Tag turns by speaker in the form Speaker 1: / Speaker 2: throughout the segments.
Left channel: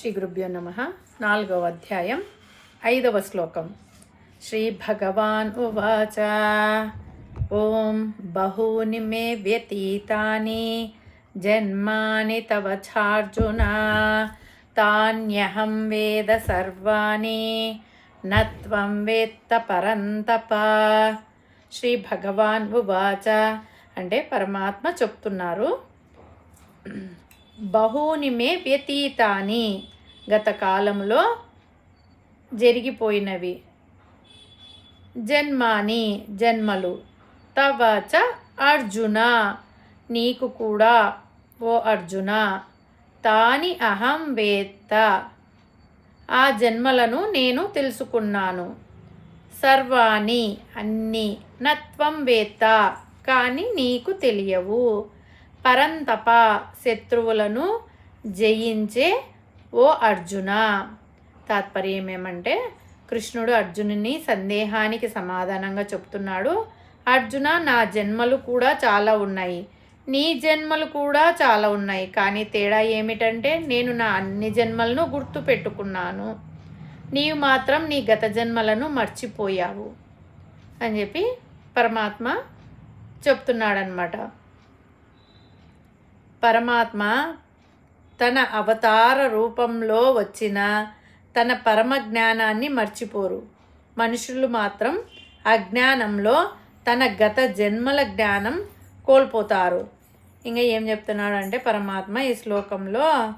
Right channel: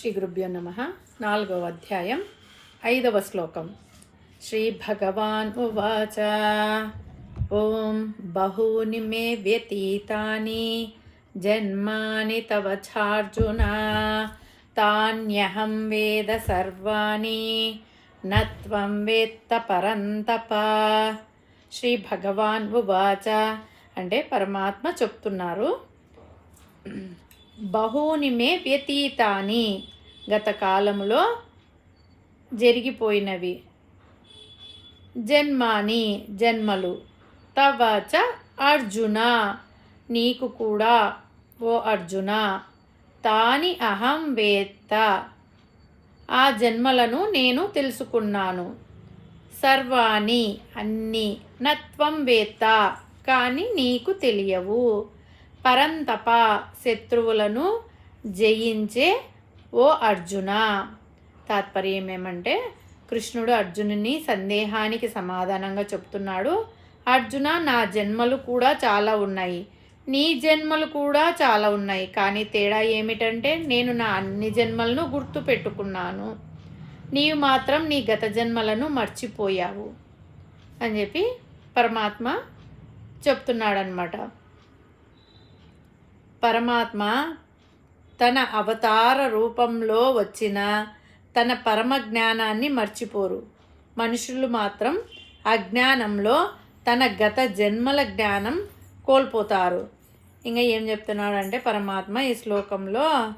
Speaker 1: శ్రీ గురుభ్యో నమ. నాలుగవ అధ్యాయం ఐదవ శ్లోకం. శ్రీ భగవాన్ ఉవాచ. ఓం బహూని మే వ్యతీతాని జన్మాని తవ చార్జున. తాన్యహం వేద సర్వాణి నత్వం వేత్త పరంతప. శ్రీ భగవాన్ ఉవాచ. అంటే పరమాత్మ చెప్తున్నారు. బహూని మే వ్యతీతాని గత కాలంలో జరిగిపోయినవి. జన్మాని జన్మలు తవచ అర్జున. నీకు కూడా ఓ అర్జున తాని అహం వేత్త. ఆ జన్మలను నేను తెలుసుకున్నాను. సర్వాణి అన్ని నత్వం వేత్త కానీ నీకు తెలియవు. పరంతప శత్రువులను జయించే ఓ అర్జున. తాత్పర్యం ఏమంటే కృష్ణుడు అర్జునుని సందేహానికి సమాధానంగా చెప్తున్నాడు. అర్జున నా జన్మలు కూడా చాలా ఉన్నాయి. నీ జన్మలు కూడా చాలా ఉన్నాయి. కానీ తేడా ఏమిటంటే నేను నా అన్ని జన్మలను గుర్తు పెట్టుకున్నాను నీవు మాత్రం నీ గత జన్మలను మర్చిపోయావు అని చెప్పి పరమాత్మ చెప్తున్నాడనమాట పరమాత్మ తన అవతార రూపంలో వచ్చిన తన పరమ జ్ఞానాన్ని మర్చిపోరు. మనుషులు మాత్రం అజ్ఞానంలో తన గత జన్మల జ్ఞానం కోల్పోతారు. ఇంకా ఏం చెప్తున్నాడు అంటే పరమాత్మ ఈ శ్లోకంలో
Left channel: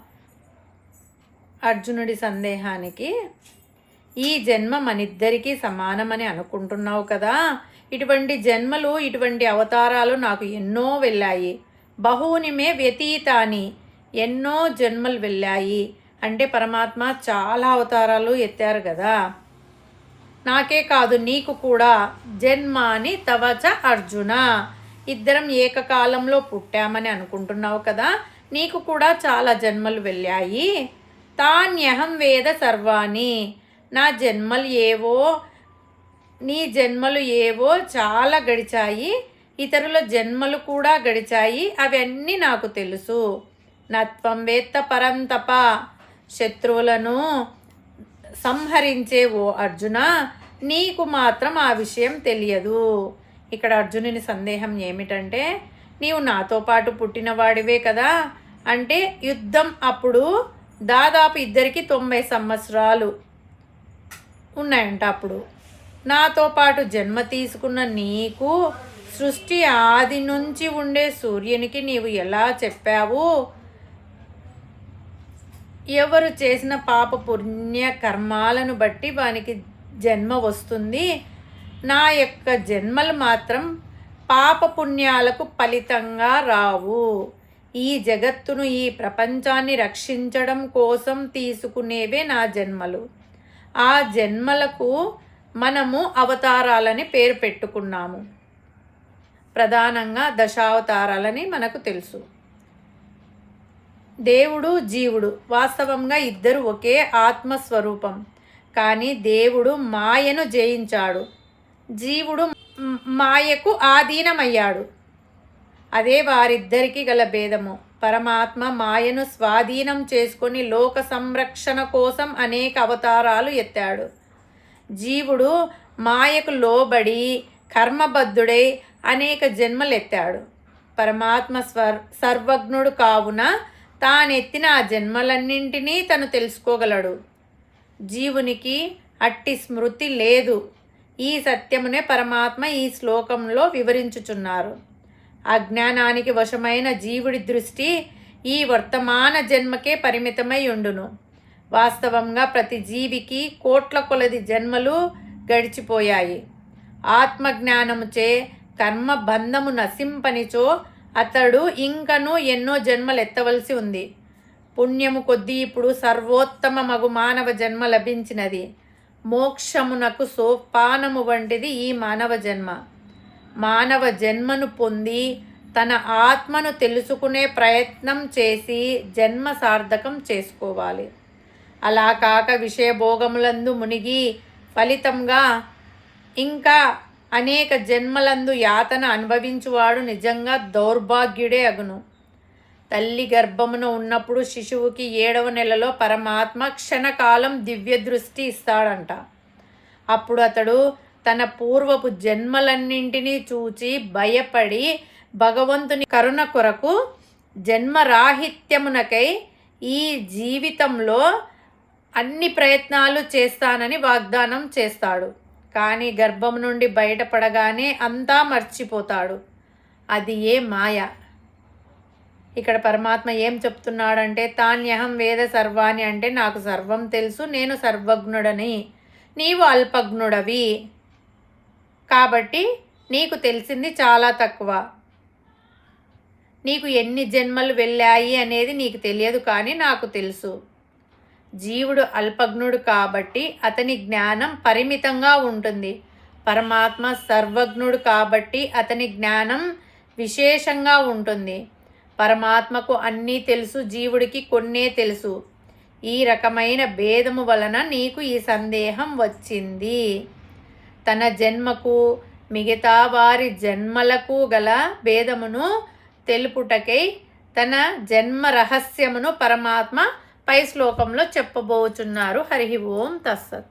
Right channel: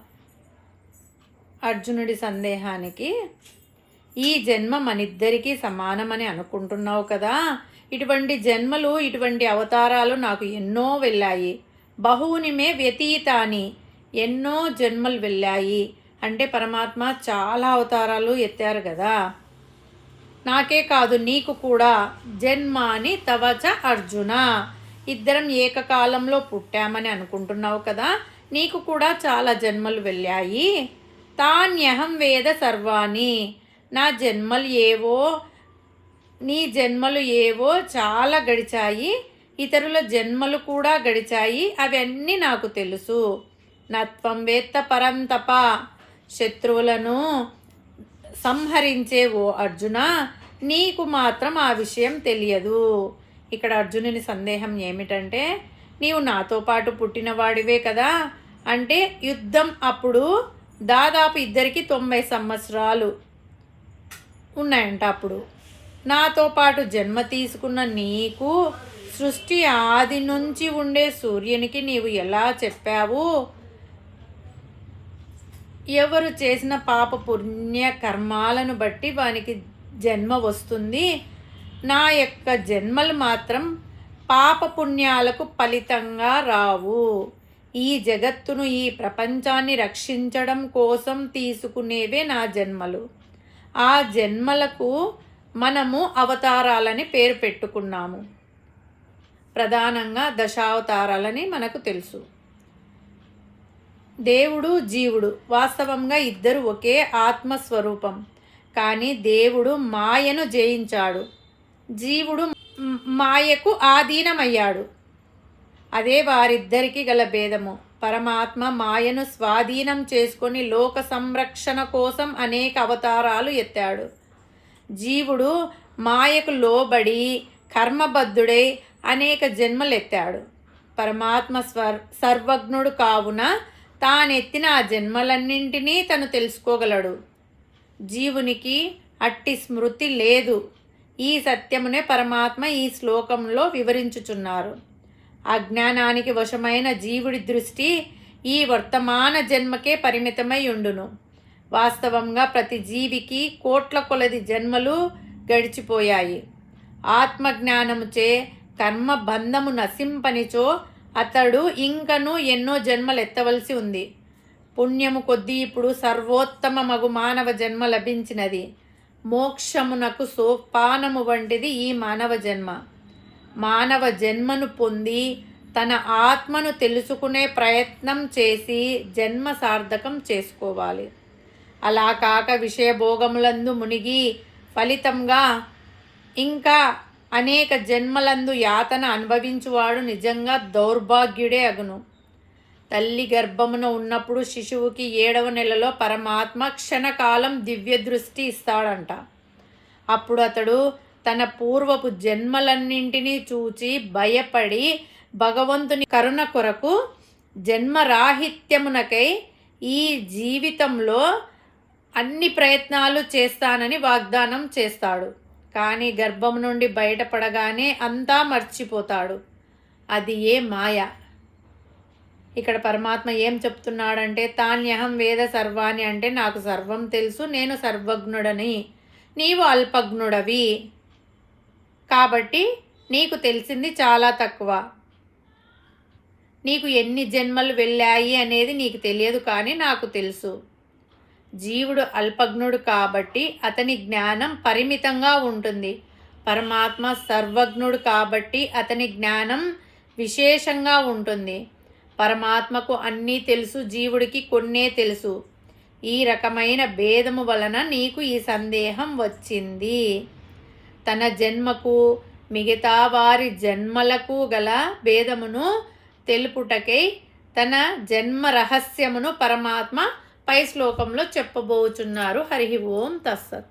Speaker 1: అర్జునుడి సందేహానికి ఈ జన్మ మనిద్దరికీ సమానమని అనుకుంటున్నావు కదా. ఇటువంటి జన్మలు ఇటువంటి అవతారాలు నాకు ఎన్నో వెళ్ళాయి. బహువుని మే వ్యతీతాని ఎన్నో జన్మలు వెళ్ళాయి. అంటే పరమాత్మ చాలా అవతారాలు ఎత్తారు కదా. నాకే కాదు నీకు కూడా. జన్మాని తవచ అర్జున. ఇద్దరం ఏకకాలంలో పుట్టామని అనుకుంటున్నావు కదా. నీకు కూడా చాలా జన్మలు వెళ్ళాయి. తాన్యహం వేద సర్వాణి. నా జన్మలు ఏవో నీ జన్మలు ఏవో చాలా గడిచాయి. ఇతరుల జన్మలు కూడా గడిచాయి. అవన్నీ నాకు తెలుసు. నత్వం వేత్త పరంతప శత్రువులను సంహరించే ఓ అర్జున నీకు మాత్రం ఆ విషయం తెలియదు. ఇక్కడ అర్జునుని సందేహం ఏమిటంటే నీవు నాతో పాటు పుట్టినవాడివే కదా. అంటే యుద్ధం అప్పుడు దాదాపు ఇద్దరికి తొంభై సంవత్సరాలు ఉన్నాయంట అప్పుడు. నాతో పాటు జన్మ తీసుకున్న నీకు సృష్టి ఆది నుంచి ఉండే సూర్యునికి నీవు ఎలా చెప్పావు? ఎవరు చేసిన పాప పుణ్య కర్మాలను బట్టి వానికి జన్మ వస్తుంది? నా యొక్క జన్మలు మాత్రం పాప పుణ్యాలకు ఫలితంగా రావు. ఈ జగత్తును ఈ ప్రపంచాన్ని రక్షించడం కోసం తీసుకునేవే నా జన్మలు. ఆ జన్మలకు మనము అవతారాలని పేరు పెట్టుకున్నాము. ప్రధానంగా దశావతారాలని మనకు తెలుసు. దేవుడు జీవుడు వాస్తవంగా ఇద్దరు ఒకే ఆత్మస్వరూపం. కానీ దేవుడు మాయను జయించాడు. జీవుడు మాయకు ఆధీనమయ్యాడు. అదే వారిద్దరికీ గల భేదము. పరమాత్మ మాయను స్వాధీనం చేసుకొని లోక సంరక్షణ కోసం అనేక అవతారాలు ఎత్తాడు. జీవుడు మాయకు లోబడి కర్మబద్ధుడై అనేక జన్మలెత్తాడు. పరమాత్మ స్వర్ సర్వజ్ఞుడు కావున తానెత్తిన ఆ జన్మలన్నింటినీ తను తెలుసుకోగలడు. జీవునికి అట్టి స్మృతి లేదు. ఈ సత్యమునే పరమాత్మ ఈ శ్లోకంలో వివరించుచున్నారు. అజ్ఞానానికి వశమైన జీవుడి దృష్టి ఈ వర్తమాన జన్మకే పరిమితమై ఉండును. వాస్తవంగా ప్రతి జీవికి కోట్ల కొలది జన్మలు గడిచిపోయాయి. ఆత్మజ్ఞానముచే కర్మ బంధము నశింపనిచో అతడు ఇంకను ఎన్నో జన్మలు ఎత్తవలసి ఉంది. పుణ్యము కొద్దీ ఇప్పుడు సర్వోత్తమ మగు మానవ జన్మ లభించినది. మోక్షమునకు సోపానము వంటిది ఈ మానవ జన్మ. మానవ జన్మను పొంది తన ఆత్మను తెలుసుకునే ప్రయత్నం చేసి జన్మ సార్థకం చేసుకోవాలి. అలా కాక విషయభోగములందు మునిగి ఫలితంగా ఇంకా అనేక జన్మలందు యాతన అనుభవించువాడు నిజంగా దౌర్భాగ్యుడే అగును. తల్లి గర్భమున ఉన్నప్పుడు శిశువుకి ఏడవ నెలలో పరమాత్మ క్షణకాలం దివ్య దృష్టి ఇస్తాడంట. అప్పుడు అతడు తన పూర్వపు జన్మలన్నింటినీ చూచి భయపడి భగవంతుని కరుణ కొరకు జన్మరాహిత్యమునకై ఈ జీవితంలో అన్ని ప్రయత్నాలు చేస్తానని వాగ్దానం చేస్తాడు. కానీ గర్భం నుండి బయటపడగానే అంతా మర్చిపోతాడు. అది ఏ మాయ? ఇక్కడ పరమాత్మ ఏం చెప్తున్నాడంటే తాన్యహం వేద సర్వాణి అంటే నాకు సర్వం తెలుసు నేను సర్వజ్ఞుడని. నీవు అల్పజ్ఞుడవి. కాబట్టి నీకు తెలిసింది చాలా తక్కువ. నీకు ఎన్ని జన్మలు వెళ్ళాయి అనేది నీకు తెలియదు కానీ నాకు తెలుసు. జీవుడు అల్పజ్ఞుడు కాబట్టి అతని జ్ఞానం పరిమితంగా ఉంటుంది. పరమాత్మ సర్వజ్ఞుడు కాబట్టి అతని జ్ఞానం విశేషంగా ఉంటుంది. పరమాత్మకు అన్నీ తెలుసు జీవుడికి కొన్నే తెలుసు. ఈ రకమైన భేదము వలన నీకు ఈ సందేహం వచ్చింది. తన జన్మకు మిగతా వారి జన్మలకు గల భేదమును తెలుపుటకై తన జన్మ రహస్యమును పరమాత్మ పై శ్లోకంలో చెప్పబోచున్నారు. హరి ఓం తస్సత్